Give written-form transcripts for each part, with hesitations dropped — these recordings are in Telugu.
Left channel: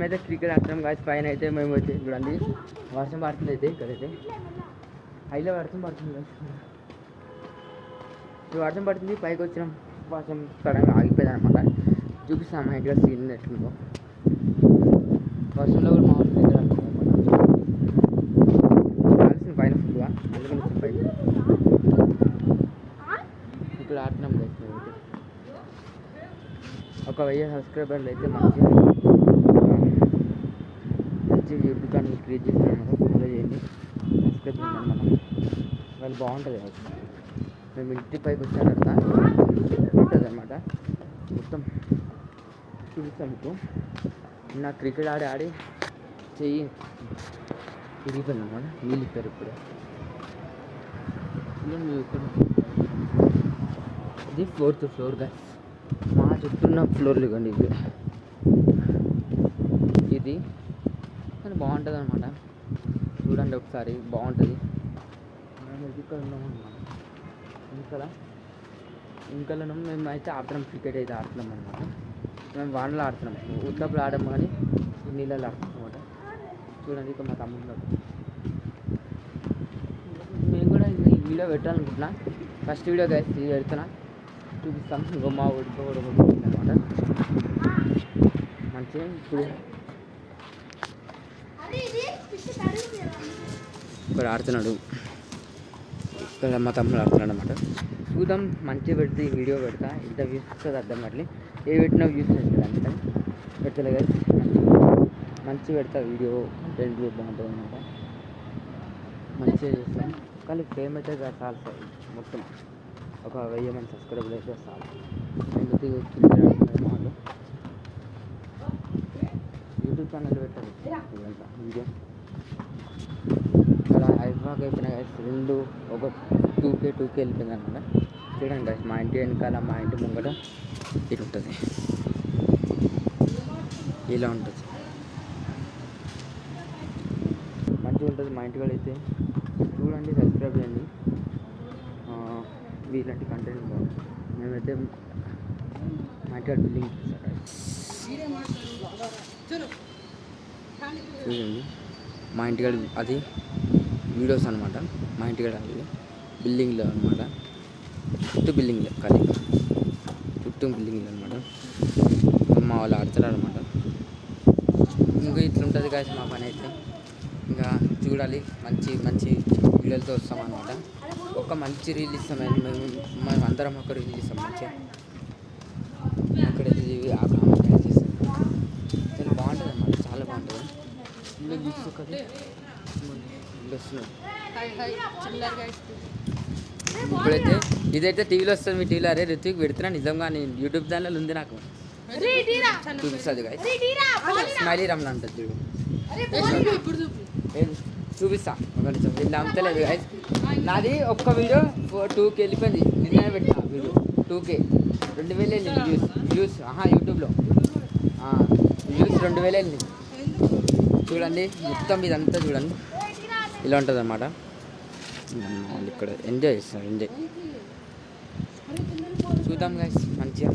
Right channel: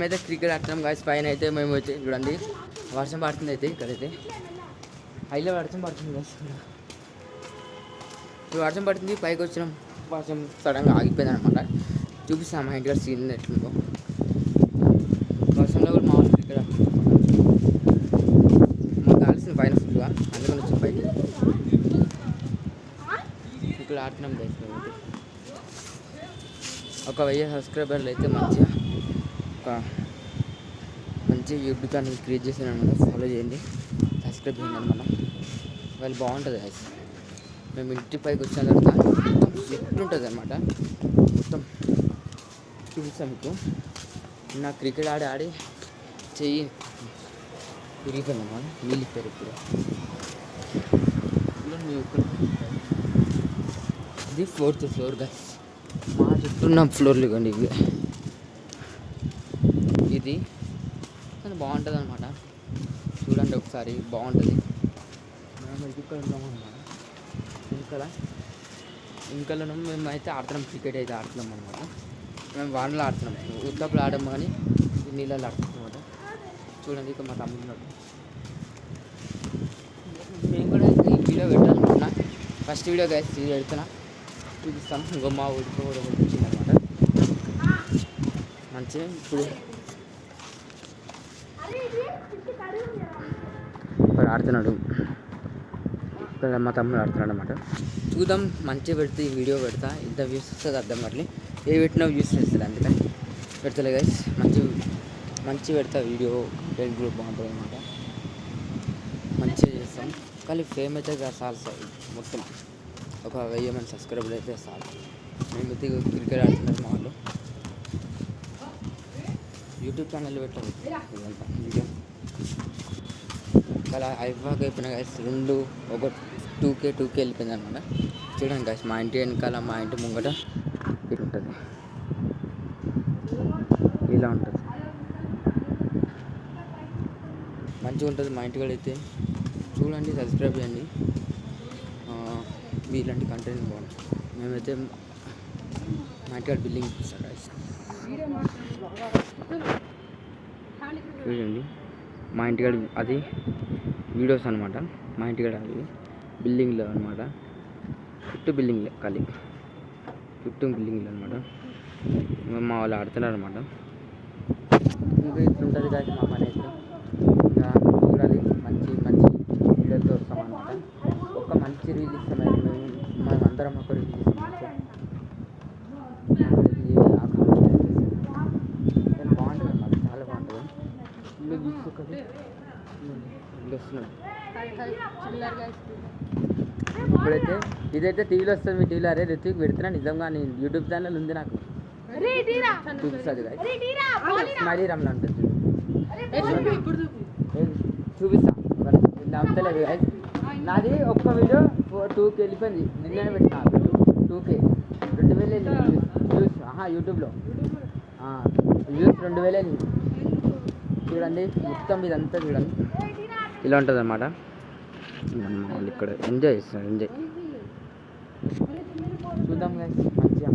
మేమైతే క్రికెట్ ఆడుతున్నాం గాయస్. పైన అయితే మేము అయితే చూడండి వర్షం పడుతుంది. అయితే ఇక్కడైతే హైలో వర్షం పడుతుంది గాయస్. ఇప్పుడు వర్షం పడుతుంది, పైకి వచ్చినాం. వర్షం సడన్గా ఆగిపోయింది అనమాట. చూపిస్తాం మా ఇంటి సీన్ ఎట్లుందో. వర్షంలో కూడా మా క్రికెట్ ఆడుతుంది అనమాట. కాల్సింది పైన ఫుల్గా, అందుకని వచ్చింది పైకి. ఇక్కడ ఆడుతున్నాం గైస్. మేమైతే ఒక 1000 సబ్స్క్రైబర్లు అయితే మంచిగా మంచి యూట్యూబ్ ఛానల్ క్రియేట్ చేశాను. ఫాలో చేయండి, సబ్స్క్రైబ్ చేయండి అనమాట. వాళ్ళు బాగుంటుంది గైస్. మేము ఇంటి పైకి వచ్చిన తర్వాత ఉంటుంది అనమాట. మొత్తం చూపిస్తాను మీకు. నా క్రికెట్ ఆడి చెయ్యి విరిగిపోయింది అనమాట. నీళ్ళు ఇప్పారు ఇప్పుడే. ఇది 4th ఫ్లోర్ గైస్. మా చుట్టూ ఉన్న ఫ్లోర్లు ఇవ్వండి ఇవి. ఇది కానీ బాగుంటుంది అనమాట. చూడండి ఒకసారి, బాగుంటుంది. ఇంకా మేము అయితే ఆడుతున్నాం, క్రికెట్ అయితే ఆడుతున్నాం అనమాట. మేము వానలో ఆడుతున్నాం, ఉత్తప్పుడు ఆడము కానీ నీళ్ళలో ఆడుతున్నాం అనమాట. చూడండి ఇక మా తమ్ముడు. నేను కూడా వీడియో పెట్టాలనుకున్నా. ఫస్ట్ వీడియో గైస్ ఇది పెడుతున్నా, చూపిస్తాను. ఇంకో మా ఊడికి కూడా వచ్చింది అనమాట. మంచిగా ఇప్పుడు ఇక్కడ ఆడుతున్నాడు. ఇక్కడ మా తమ్ముడు ఆడుతున్నాడు అనమాట. చూద్దాం, మంచిగా పెడితే వీడియో పెడతా. ఇంత వ్యూస్ వస్తుంది అర్థం కాదు. ఏ పెట్టినా వ్యూస్ వస్తుంది, అందుకని పెడతలే గైస్. మంచి పెడతా వీడియో. కంటెంట్ కూడా బాగుంటుంది అనమాట. మంచిగా చేస్తాం. కానీ ఫేమ్ అయితే చాలు సార్. మొత్తం ఒక 1000 మంది సబ్స్క్రైబర్లు అయితే చాలు. మేమైతే క్రికెట్ ఆడుతున్నారు మా వాళ్ళు. యూట్యూబ్ ఛానల్ పెట్టారు ఇదంతా వీడియో. అలా అయిపోయాక అయిపోయినా గైస్ 2K వెళ్ళిపోయింది అనమాట. చూడండి గైస్, మా ఇంటి వెనకాల మా ఇంటి ముంగట ఇటు ఉంటుంది, ఇలా ఉంటుంది. మంచిగా ఉంటుంది మా ఇంటి కూడా అయితే. చూడండి, సబ్స్క్రైబ్ చేయండి. ఇలాంటి కంటెంట్ బాగుంటుంది. మేమైతే మా ఇంటికాడ బిల్డింగ్ ఇప్పిస్తాం గైస్. చూడండి మా ఇంటికాడ అది వీడియోస్ అనమాట. మా ఇంటికాడ అది బిల్డింగ్లో అనమాట. చుట్టూ బిల్డింగ్లే, ఖాళీ చుట్టూ బిల్డింగ్లు అనమాట. మా వాళ్ళు ఆడుతున్నారు అనమాట. ఇంకా ఇట్లుంటుంది కాదు మా పని అయితే. ఇంకా చూడాలి, మంచి మంచి వీడియోలతో వస్తాం అనమాట. ఒక మంచి రీల్ ఇస్తాం. మేము అందరం ఒక రీల్ ఇస్తాం మంచిగా. అక్కడైతే ఆ కామెంట్ చేస్తాం. చాలా బాగుంటుంది అనమాట, చాలా బాగుంటుంది. ఇల్లు తీసుకొని ఇప్పుడైతే ఇదైతే టీవీలో వస్తుంది. మీ టీవీలో అరే రుచికి పెడుతున్నా నిజంగా. నేను యూట్యూబ్ ఛానల్ ఉంది నాకు, చూపిస్తుంది గాయస్. స్మైలీ రమణ ఉంటుంది చూడు, చూపిస్తా. ఇలా అమ్మతలేదు గాయస్. నాది ఒక్క వీడియో 2K వెళ్ళిపోయింది. నిన్ననే పెట్టిన వీడియో 2K 2000 వెళ్ళింది వ్యూస్. యూట్యూబ్లో వ్యూస్ 2000 వెళ్ళింది. చూడండి మొత్తం ఇదంతా చూడండి, ఇలా ఉంటుంది అన్నమాట. వాళ్ళు ఇక్కడ ఎంజాయ్ చేస్తున్నారు, ఎంజాయ్ చూద్దాం గైస్. మంచిగా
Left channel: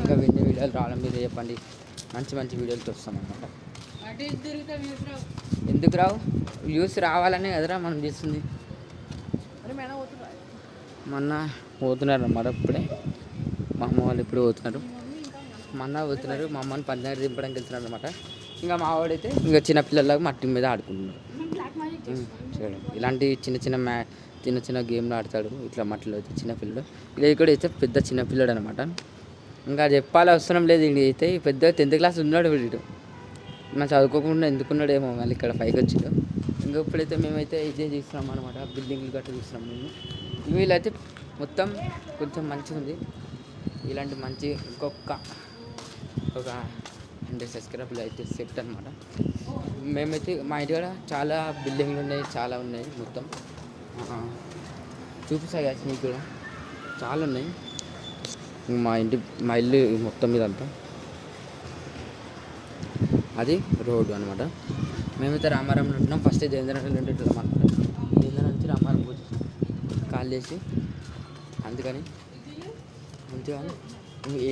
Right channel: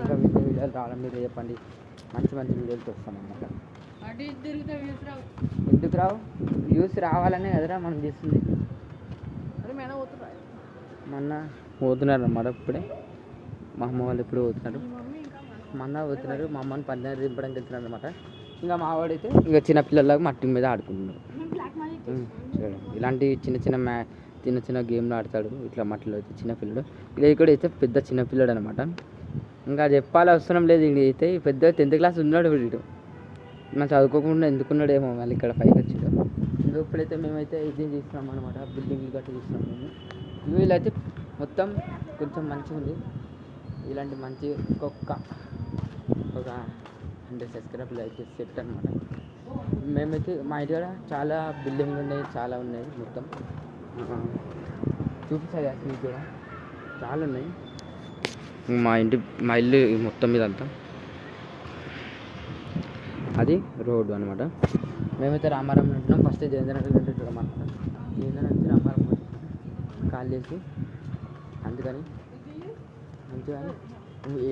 ఇంకా వింటే వీడియోలు రావడం మీద చెప్పండి. మంచి మంచి వీడియోలతో వస్తాం అన్నమాట. ఎందుకు రావు? వ్యూస్ రావాలనే కదరా మనం చేస్తుంది. మొన్న పోతున్నారు అన్నమాట. ఇప్పుడే మా అమ్మ వాళ్ళు ఇప్పుడు పోతున్నారు. మొన్న పోతున్నారు. మా అమ్మని పంచాయతీ దింపడానికి వెళ్తున్నారు అనమాట. ఇంకా మా వాడైతే ఇంకా చిన్నపిల్లలాగా మట్టి మీద ఆడుకుంటున్నారు. చూడండి, ఇలాంటి చిన్న చిన్న గేమ్లు ఆడతాడు ఇట్లా మట్టిలో అయితే చిన్నపిల్లడు. ఇలా ఇక్కడ అయితే పెద్ద చిన్నపిల్లడు అనమాట. ఇంకా చెప్పాలి అవసరం లేదు. ఇది అయితే పెద్ద 10th క్లాస్ ఉన్నాడు వీడు. మనం చదువుకోకుండా ఎందుకున్నాడేమో మళ్ళీ ఇక్కడ పైకి వచ్చాడు. ఇంకా ఇప్పుడైతే మేమైతే ఇదే చూస్తున్నాం అనమాట. బిల్డింగ్లు గట్ట చూస్తున్నాం మేము. వీళ్ళైతే మొత్తం కొంచెం మంచిగా ఉంది. ఇలాంటి మంచి ఒక 100 సబ్స్క్రైబర్లు అయితే సెట్ అనమాట. మేమైతే మా ఇంటి కూడా చాలా బిల్డింగ్లు ఉన్నాయి, చాలా ఉన్నాయి. మొత్తం చూపిస్తా గ్యాస్ మీకు కూడా చాలా ఉన్నాయి. మా ఇల్లు మొత్తం మీద అంతా అది రోడ్డు అనమాట. మేమైతే రామారంలో ఉంటున్నాం. ఫస్ట్ దేవేంద్రనగర్లో ఉంటుంటాం అనమాట. దేవేంద్ర నుంచి రామారం వచ్చేసాం కాల్ చేసి. అందుకని మంచిగా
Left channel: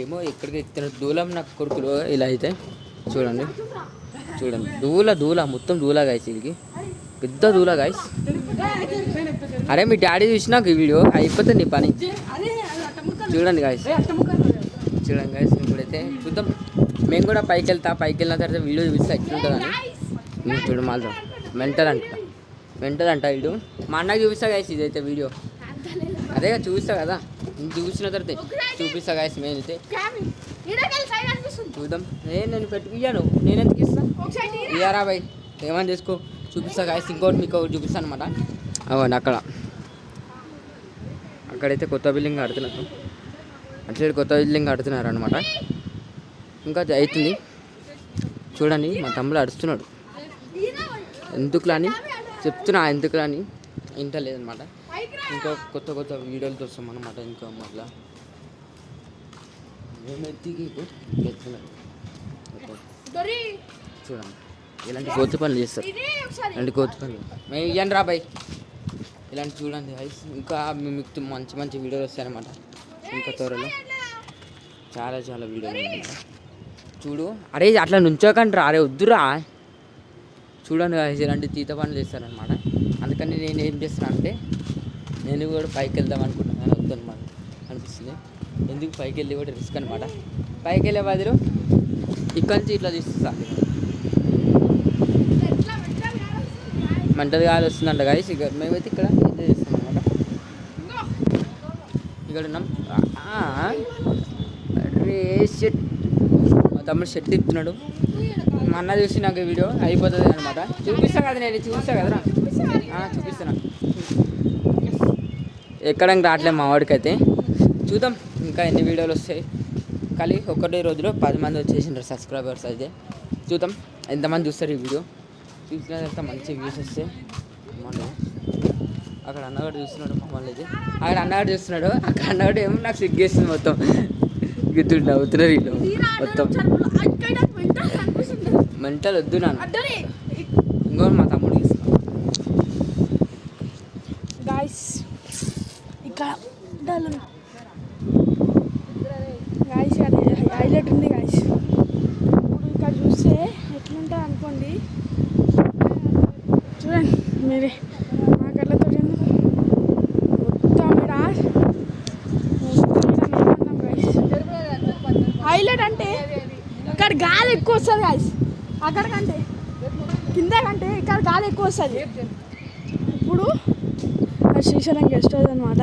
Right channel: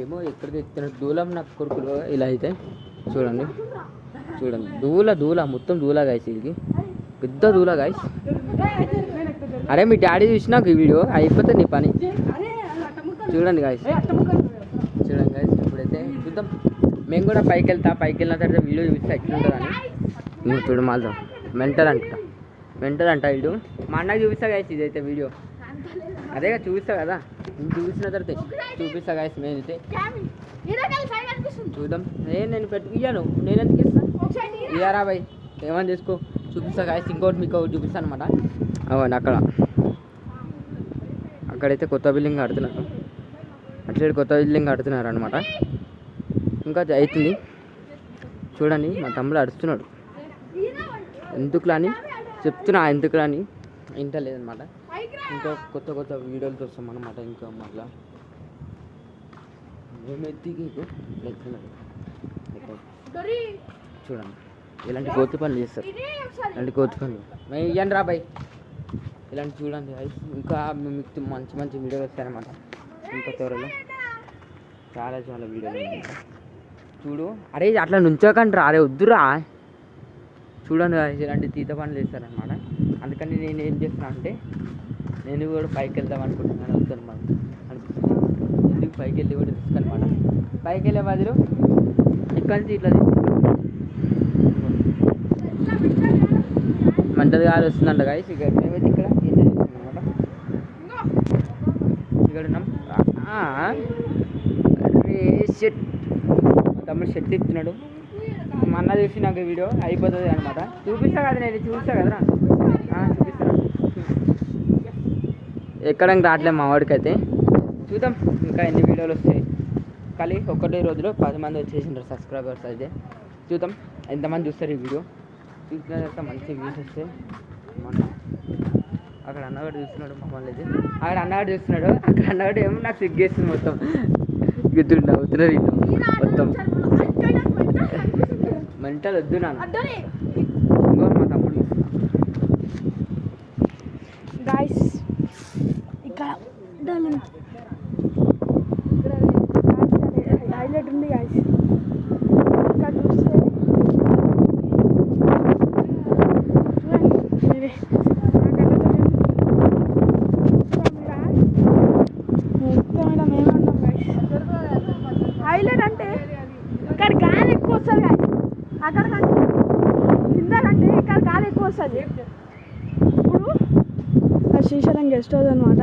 ఏమో ఎక్కడికి ఎక్కుతున్న దూలం నాకు కొడుకులు ఇలా అయితే చూడండి. చూడండి దూల మొత్తం దూల గాయస్, వీడికి పెద్ద దూల గాయస్. అరే మీ డాడీ చూసినాక ఈ వీడియో అయిపోతే నీ పని. చూడండి గాయస్, చూడండి గాయస్. ఇప్పుడైతే చూద్దాం, మేము కూడా పైకి వెళ్ళిన తర్వాత వీడియో చూపిస్తే ఎట్లుంటుందని. నువ్వు చూడు మాత్రం మెంటల్ అంట వీడు. మా అన్నకి చూపిస్తా గాయస్ ఇదైతే వీడియో. అదేగా చూపిస్తా కదా, చూసిన తర్వాత చూపిస్తా గాయస్. మేము అయితే చూద్దాం. నేను ఇయ్యాను, నేను ఎందుకు ఇస్తాను? ఇయ్యారా బాయ్, ఏమని చేసుకో. చూపిస్తా గాయస్. ఇంకోటి మీకు ఒకటి చూపిస్తాను అనమాట. అవ్వండి అక్కడైతే కొత్త బిల్డింగ్ కడుతున్నారు, అటు సైడ్ కొత్త బిల్డింగ్ కడుతున్నారు అనమాట. ఇంకా అవుతుంది చూడండి. మా తమ్ముడు అరుస్తున్నాడు, ఎందుకులని చెప్తున్నా, ఎందుకులని ఇంత లేదనమాట. ఇంకా కొత్త వీడియోలతో వస్తాం అనమాట. ఇంకా మళ్ళా మేమెత్తికిస్తున్నాడు చూడండి. ఇలాంటి కోతి పనులు చేస్తారు, ఇలాంటి కోతి పనులు మేము ఇవ్వండి రా బాయ్. ఇలాంటి చూడండి ఐస్. ఇంకా మీకు మంచి వీడియోలు వస్తాయన్నమాట. ఇంకా త్వరలో చాలా వీడియోలు చూడు. అరే అట్లా నుంచోకండి రా, అరే వద్దురా. చూడండి ఇలాంటి తీత పనులు చేస్తారనమాట. అందుకని నేను ఏం చేస్తాను అంటే, నేను కూడా పైకి వెళ్దాం అనుకుంటున్నాను, వద్దనమాట అనిపిస్తుంది. ఎందుకు పైకి వెళ్ళి కూడా రిస్క్ అనమాట. పైకి వెళ్ళే బదులు ఇక్కడి నుంచి ఇట్లా తీస్తాను. మంటది గాలి వస్తుందంట గాయస్. ఇక మేమైతే ఇక్కడ చేస్తాం అనమాట. ఇక్కడ ఉన్నాం. అరే షెట్, మా తమ్ముడు షెట్ తిప్పుతున్నాడు. మా అన్న చూసి నాకు వీడియో అయిపోతుంది అనమాట. చూపిస్తా కదా, నేను చూపిస్తా కదరా, చూపిస్తాను. ఎక్కడానికి రావట్లేదు మా వాడికైతే. చూద్దాం ఇంకా ఎన్ని వీడియోలు వస్తాయి. కానీ ఒకటే రోజులో 10 మంది వచ్చేసింటారు సబ్స్క్రైబర్స్. అయితే చూద్దాం ఎంతమంది చూస్తారు ఈ వీడియో. చూసిన తర్వాత మంచి వ్యూస్ వస్తే మొన్న అక్కడ అన్నగాడు చూస్తున్నాడు మమ్మల్ని. అయితే అక్కడ అన్నగాడు చూస్తున్నాడు, అక్కడ అన్నగాడు ఏమో నాకు సిగ్గేస్తుంది మొత్తం. గిద్దుడు నవ్వుతున్నారు వీళ్ళు మొత్తం. మెంటల్ వద్దు నాన్న. ఇంకో మా తమ్ముడు చూస్తున్నాడు గాయస్. ఇక్కడ హైలైట్ ఉంది గాయస్. ఇక్కడ చూస్తే అనుకోండి, చూడండి మీరే హైలైట్ అంటే ఇక్కడ గాలి ఎక్కువ వస్తుంది గాయస్. అక్కడ కంటే కింద కంటే ఇక్కడ గాలి ఎక్కువ వస్తుంది. ఇప్పుడు శ్రీశైలం గెస్ట్ హౌస్ అనమాట.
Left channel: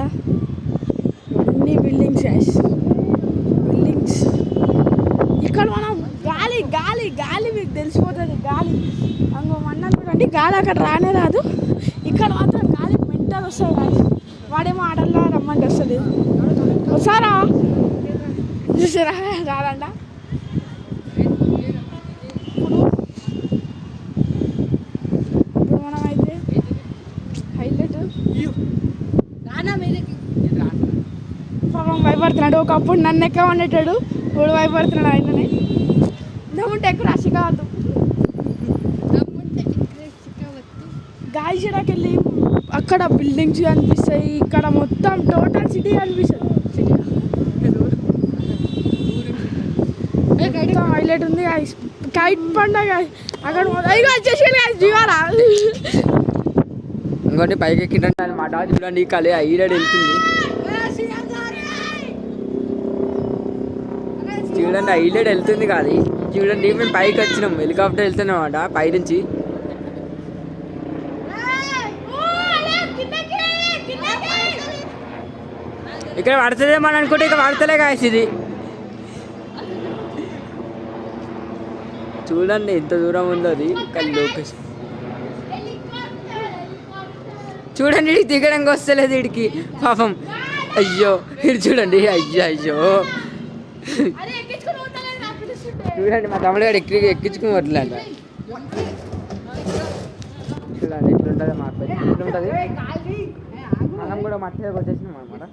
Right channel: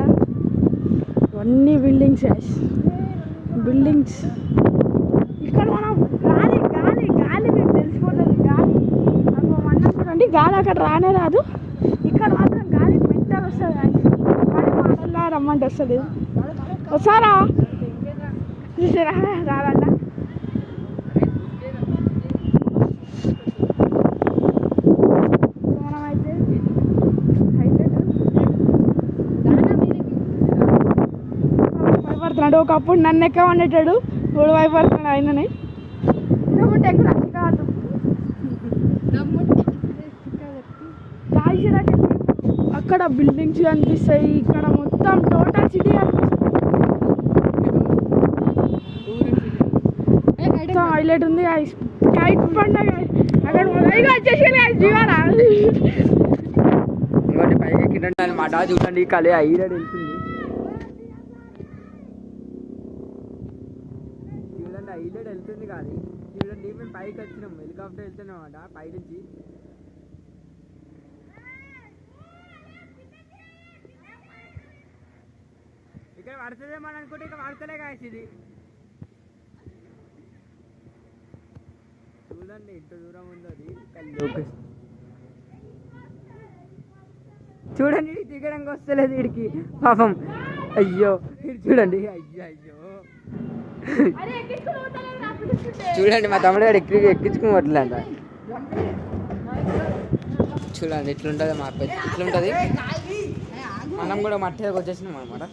ఇవన్నీ బిల్డింగ్స్ గాయస్, బిల్డింగ్స్. ఇక్కడ మనం గాలి మీకు తెలిసిపోతుంది. గాలి అందులో అన్నట్టుకండి, గాలి అక్కడ రానే రాదు. ఇక్కడ మాత్రం గాలి మెంటల్ వస్తుంది గాయస్. వాడే మాటల్లో రమ్మంటే వస్తుంది. వస్తారా చూసారా? రాదంట. మనం అయితే హైలైట్ భయపడుతున్నాడు. ఒకప్పుడు నన్ను ఎక్క వండేటాడు, ఇప్పుడు భయపడుతున్నాడు ఆయనని. దమ్ముంటే ఎక్కువ రాశి కావద్దు. గాయసిరాకి వెళ్ళి అక్కడ బిల్డింగ్స్ కనిపిస్తాయి, ఇక్కడ మొత్తం టోటల్ సిటీ కనిపిస్తుంది. మొత్తం హైలైట్ ఉంది. కైట్ పండుగ అక్కడ వచ్చేసి జీవారా. ఇంకోటి పైకి ఎక్కింటాను మాట. చూడండి కళ హైలైట్ వెళ్తుంది. చూడండి హైలైట్ వెళ్తుంది కాదు. చూడండి మేము పైకి వచ్చినాం, హెలికాప్టర్ వెళ్తున్నాం అన్నమాట పైనుంచి. ఇక్కడ పడుతుందేమో అని అనుకుంటే ఇక్కడ పడతలే కాసి. ఇది చూడండి ఎంత దూరం ఉందో అది. కానీ లొకేషన్ చూడండి, ఇడికి దిగడానికి వస్తలేదు వీడికి పాపం. అయ్యో ఇటు చూడండి, అయ్యో చూడండి మా తమ్ముడు గారు ఎక్కించుకోవట్లే అంట. చూడండి ఇట్లుంటుంది మా పెద్ద, ఇట్లుంటుంది. మనం కూడా మట్టి దగ్గర వచ్చేసినాం అనమాట.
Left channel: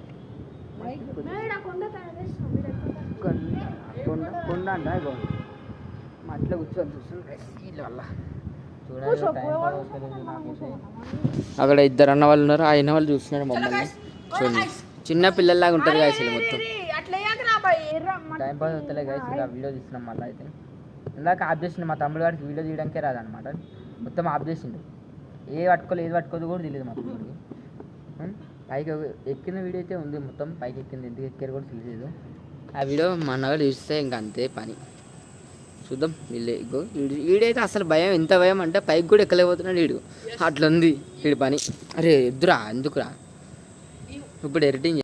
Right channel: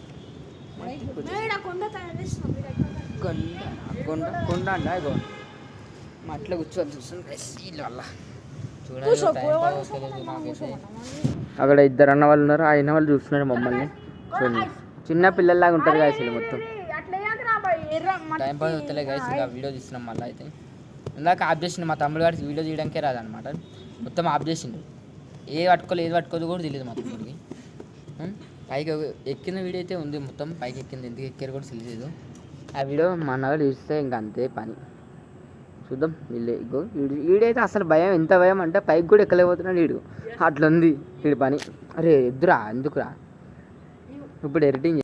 కొండ అంట ఇగో మట్టిలో కూర్చొని చూస్తుంది వీళ్ళ వల్ల. చూడండి నాకైతే అక్కడ 2 అన్న వాళ్ళు ఉన్నారు. ఆ అయిన వాళ్ళు చూస్తున్నారు మమ్మల్ని. చూడండి చిన్న పిల్లల్లాగా ఉంటారు గాయస్. మొత్తం టైం పాస్ అవుతలే గాయస్. ఇంకా వీడియో తీస్తున్నాం మళ్ళీ. అయితే ఇందాక ఆఫ్ చేసిండు మా తమ్ముడు గారికి వీడియో తీయడానికే రాదనమాట, మొత్తం ఆఫ్ చేసిండు. ఏది పట్టుకోలేదు కూడా తెలియదు మా తమ్ముడికి. పైకి ఎక్కిన వీడియో అయితే ఉంది, మొత్తం పైకి ఎక్కింది, ఎందుకు ఎక్కారు కూడా తెలియదు. ఆ వీడియో మా అన్నగారు చూస్తే ఇంకా అంతే పని. చూద్దాం వీళ్ళు వీడైతే అసలు భయం, ఎంత భయం అంటే పైకి కూడా ఎక్కలేకపోతున్నాడు వీడు, అట్లా ఉంది వీడి పని. అరే ఎద్దురా ఎందుకురా ఇప్పుడు ఎడిటింగ్